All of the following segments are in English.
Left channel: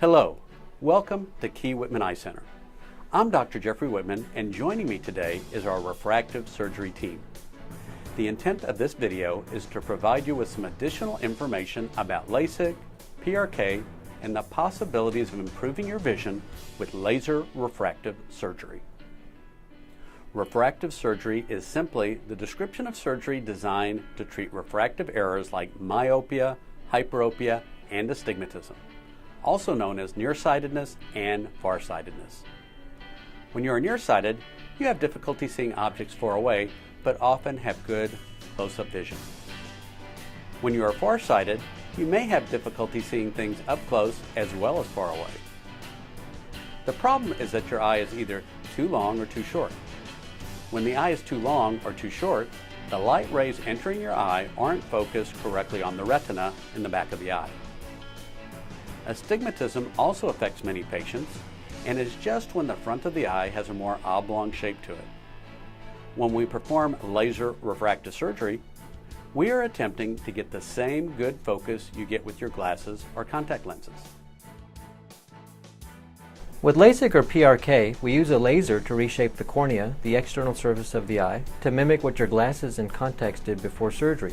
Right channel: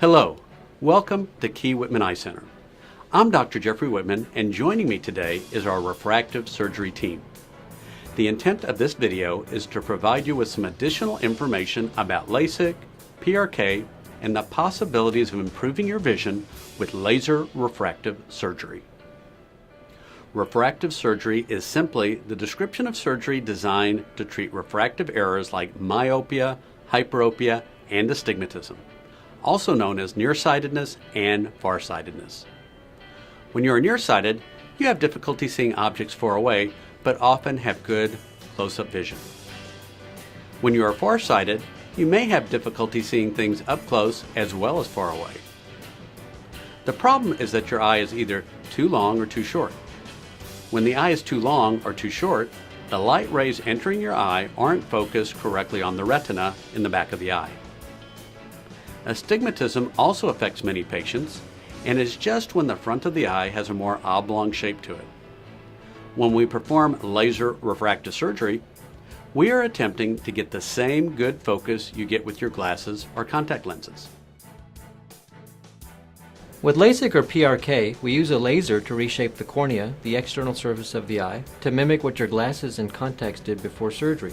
Hello, welcome to Key Whitman Eye Center. I'm Dr. Jeffery Whitman, and joining me today is our refractive surgery team. The intent of this video is to provide you with some additional information about LASIK, PRK, and the possibilities of improving your vision with laser refractive surgery. Refractive surgery is simply the description of surgery designed to treat refractive errors like myopia, hyperopia, and astigmatism, also known as nearsightedness and farsightedness. When you are nearsighted, you have difficulty seeing objects far away, but often have good close-up vision. When you are farsighted, you may have difficulty seeing things up close as well as far away. The problem is that your eye is either too long or too short. When the eye is too long or too short, the light rays entering your eye aren't focused correctly on the retina in the back of the eye. Astigmatism also affects many patients and is just when the front of the eye has a more oblong shape to it. When we perform laser refractive surgery, we are attempting to get the same good focus you get with your glasses or contact lenses. With LASIK or PRK, we use a laser to reshape the cornea, the external surface of the eye, to mimic what your glasses and contacts did before surgery.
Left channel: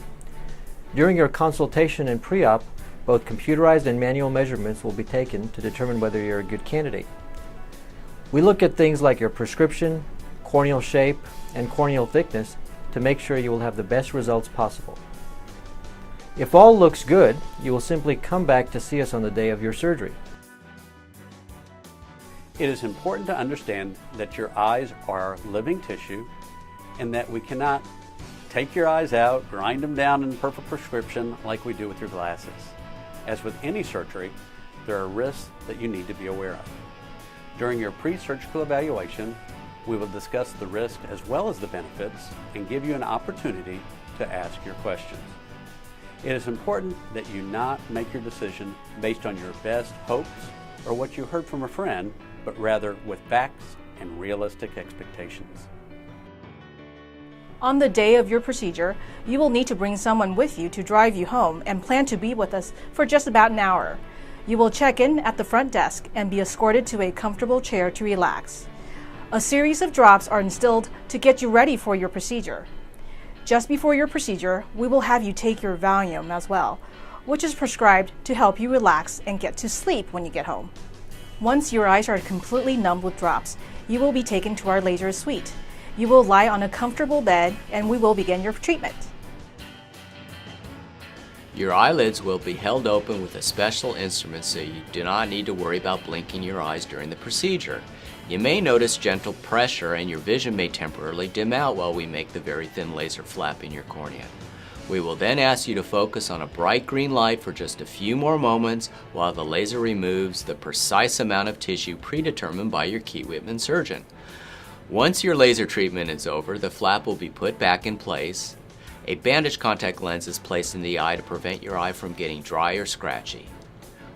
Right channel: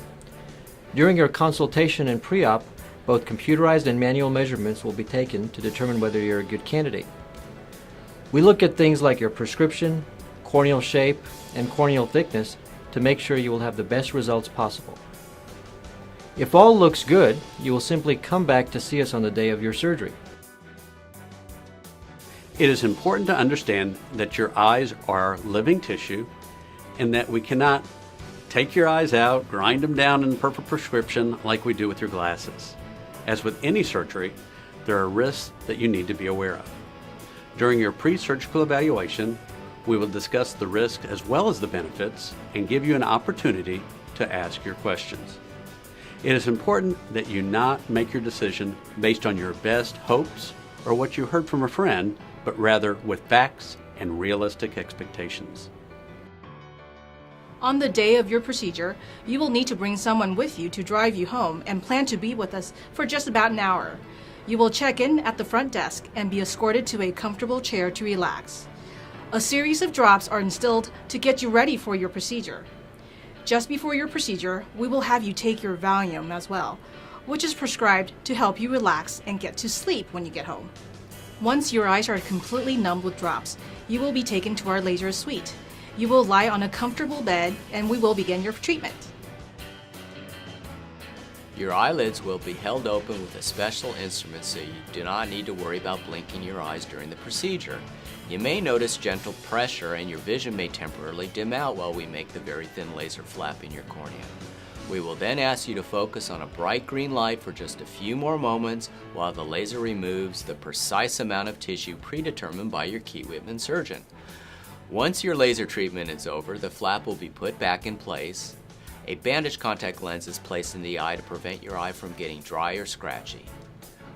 During your consultation and pre-op, both computerized and manual measurements will be taken to determine whether you're a good candidate. We look at things like your prescription, corneal shape, and corneal thickness to make sure you will have the best results possible. If all looks good, you will simply come back to see us on the day of your surgery. It is important to understand that your eyes are living tissue and that we cannot take your eyes out, grind them down in a perfect prescription like we do with your glasses. As with any surgery, there are risks that you need to be aware of. During your pre-surgical evaluation, we will discuss the risks as well as the benefits and give you an opportunity to ask your questions. It is important that you not make your decision based on your best hopes or what you heard from a friend, but rather with facts and realistic expectations. On the day of your procedure, you will need to bring someone with you to drive you home and plan to be with us for just about an hour. You will check in at the front desk and be escorted to a comfortable chair to relax. A series of drops are instilled to get you ready for your procedure. Just before your procedure, we will have you take your Valium as well, which is prescribed to help you relax and get to sleep when you get home. Once your eyes are completely numb with drops, you will be taken to our laser suite. You will lie on a comfortable bed and we will begin your treatment. Your eyelids will be held open with a special instrument so you do not need to worry about blinking your eyes during the procedure. You may notice gentle pressure and your vision may temporarily dim out while we make the very thin laser flap in your cornea. We will then ask you to focus on a bright green light for just a few more moments while the laser removes the precise amount of tissue predetermined by your Key Whitman surgeon. Once your laser treatment is over, the flap will be put back in place. A bandaged contact lens is placed in the eye to prevent your eye from getting dry or scratchy.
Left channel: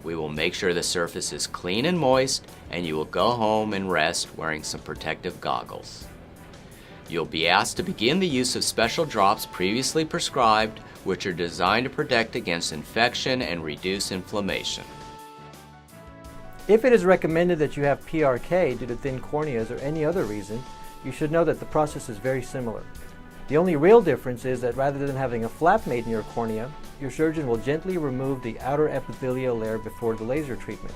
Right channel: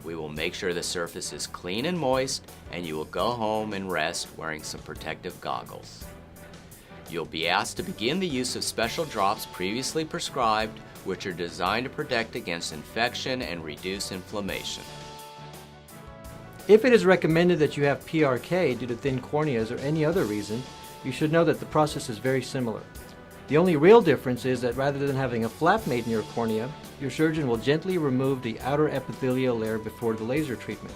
We will make sure the surface is clean and moist, and you will go home and rest wearing some protective goggles. You'll be asked to begin the use of special drops previously prescribed, which are designed to protect against infection and reduce inflammation. If it is recommended that you have PRK due to thin corneas or any other reason, you should know that the process is very similar. The only real difference is that rather than having a flap made in your cornea, your surgeon will gently remove the outer epithelial layer before the laser treatment.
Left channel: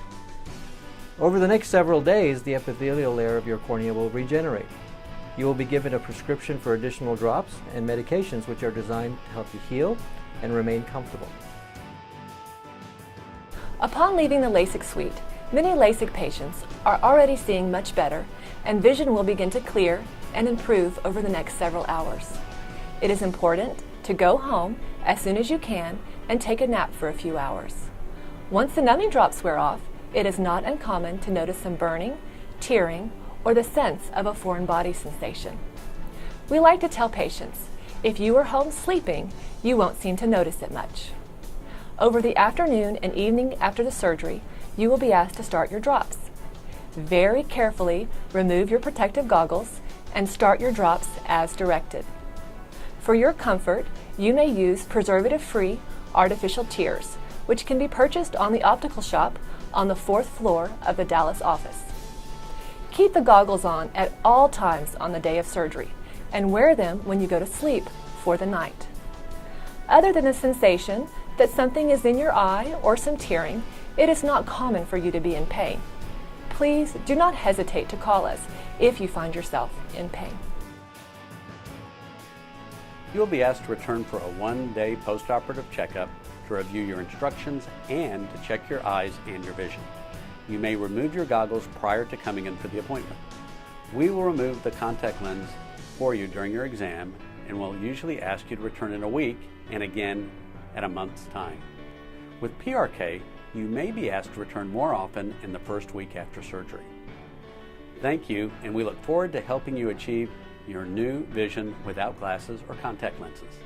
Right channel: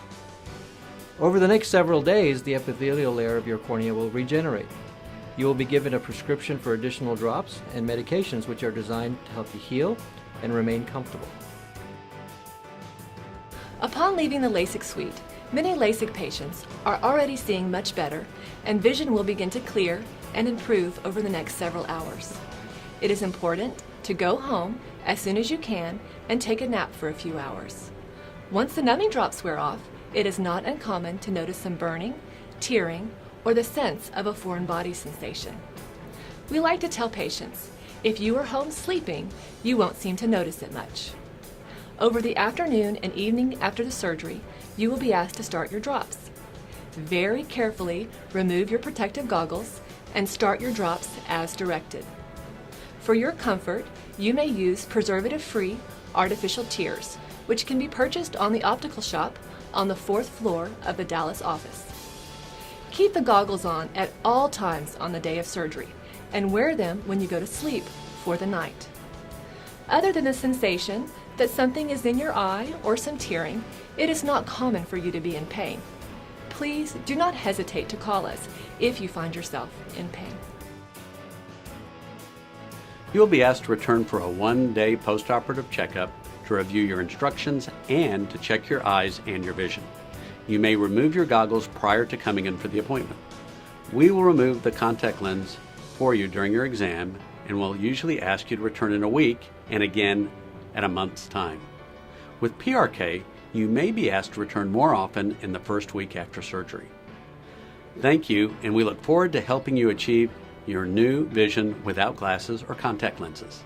Over the next several days, the epithelial layer of your cornea will regenerate. You will be given a prescription for additional drops and medications which are designed to help you heal and remain comfortable. Upon leaving the LASIK suite, many LASIK patients are already seeing much better and vision will begin to clear and improve over the next several hours. It is important to go home as soon as you can and take a nap for a few hours. Once the numbing drops wear off, it is not uncommon to notice some burning, tearing, or the sense of a foreign body sensation. We like to tell patients, if you are home sleeping, you won't seem to notice it much. Over the afternoon and evening after the surgery, you will be asked to start your drops. Very carefully remove your protective goggles and start your drops as directed. For your comfort, you may use preservative-free artificial tears, which can be purchased on the optical shop on the 4th floor of the Dallas office. Keep the goggles on at all times on the day of surgery and wear them when you go to sleep for the night. Other than the sensation that something is in your eye or some tearing, it is not common for you to be in pain. Please do not hesitate to call us if you find yourself in pain. You will be asked to return for a 1-day postoperative checkup to review your instructions and to check your eyes and your vision. You may remove your goggles prior to coming in for the appointment. We will remove the contact lens for you during your exam and will usually ask you to return in a week and again in a month's time. With PRK, you may be asked to return more often in the first week after surgery. Thank you, and we look forward to helping you achieve your new vision without glasses or contact lenses.